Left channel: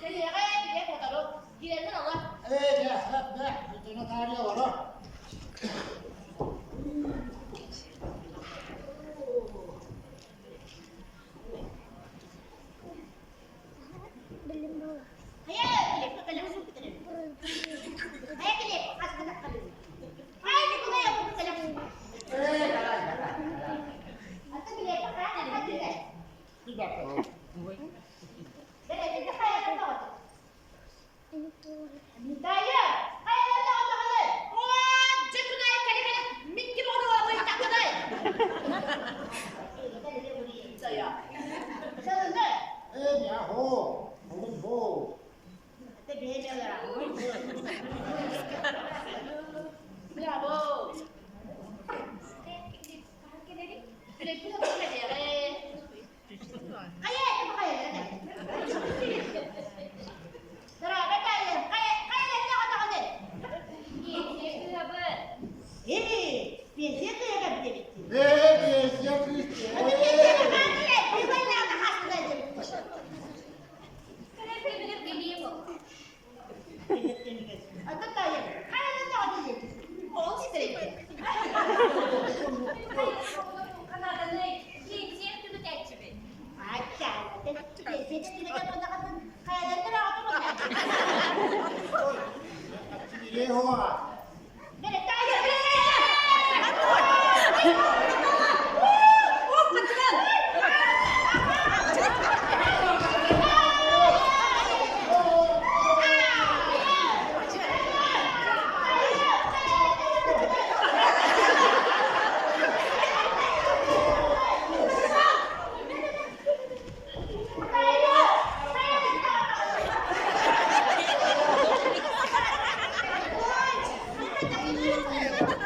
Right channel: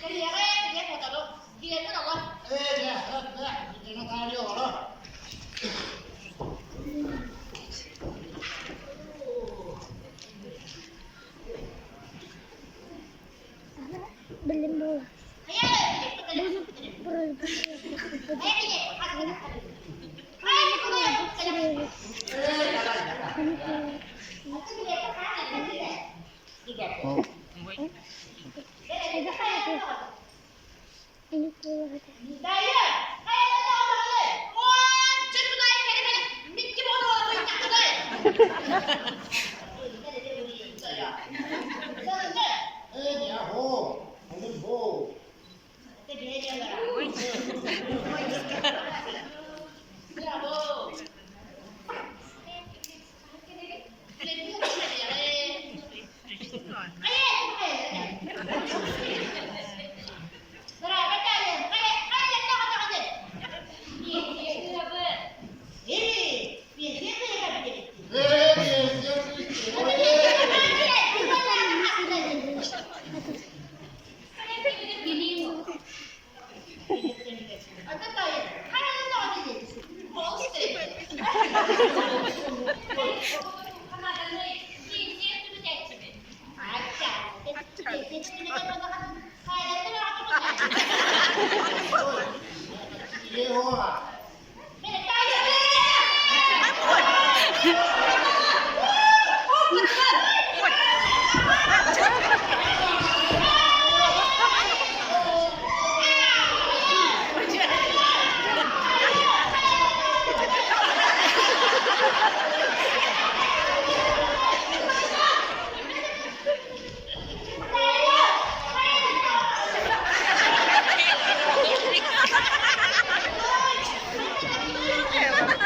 Cái gì đấy, cái gì một tờ luôn. Đi đến bắt đầu luôn. Ê, nè, nó ta đi vào đó. Belum bola. Ayo, cái gì? Ayo, cái gì? Ayo, cái gì? Ê, ra đây, ra đây. Cái gì cái khác này cái gì này? Đi đẹp. Cái này thì cái hay rồi. Ini bola. Đây á, hay lên đâu rồi đây. Wow, chân của đây, cái này Mickey Mouse mình đặt ở đây. Cái này đều đi chơi à? Sao lên đây? Ê, nhà hồ. Hồ lên hồ. Cái gì đây là? Bravo. Cái này cái này là đây. Cái này. Rồi, cái này lên đâu rồi? Biển xếp vừa. Ê, biển xếp vừa là biển. Ê, biển xếp đi. Ghê hô à? Hãy subscribe cho kênh Ghiền Mì Gõ để không bỏ lỡ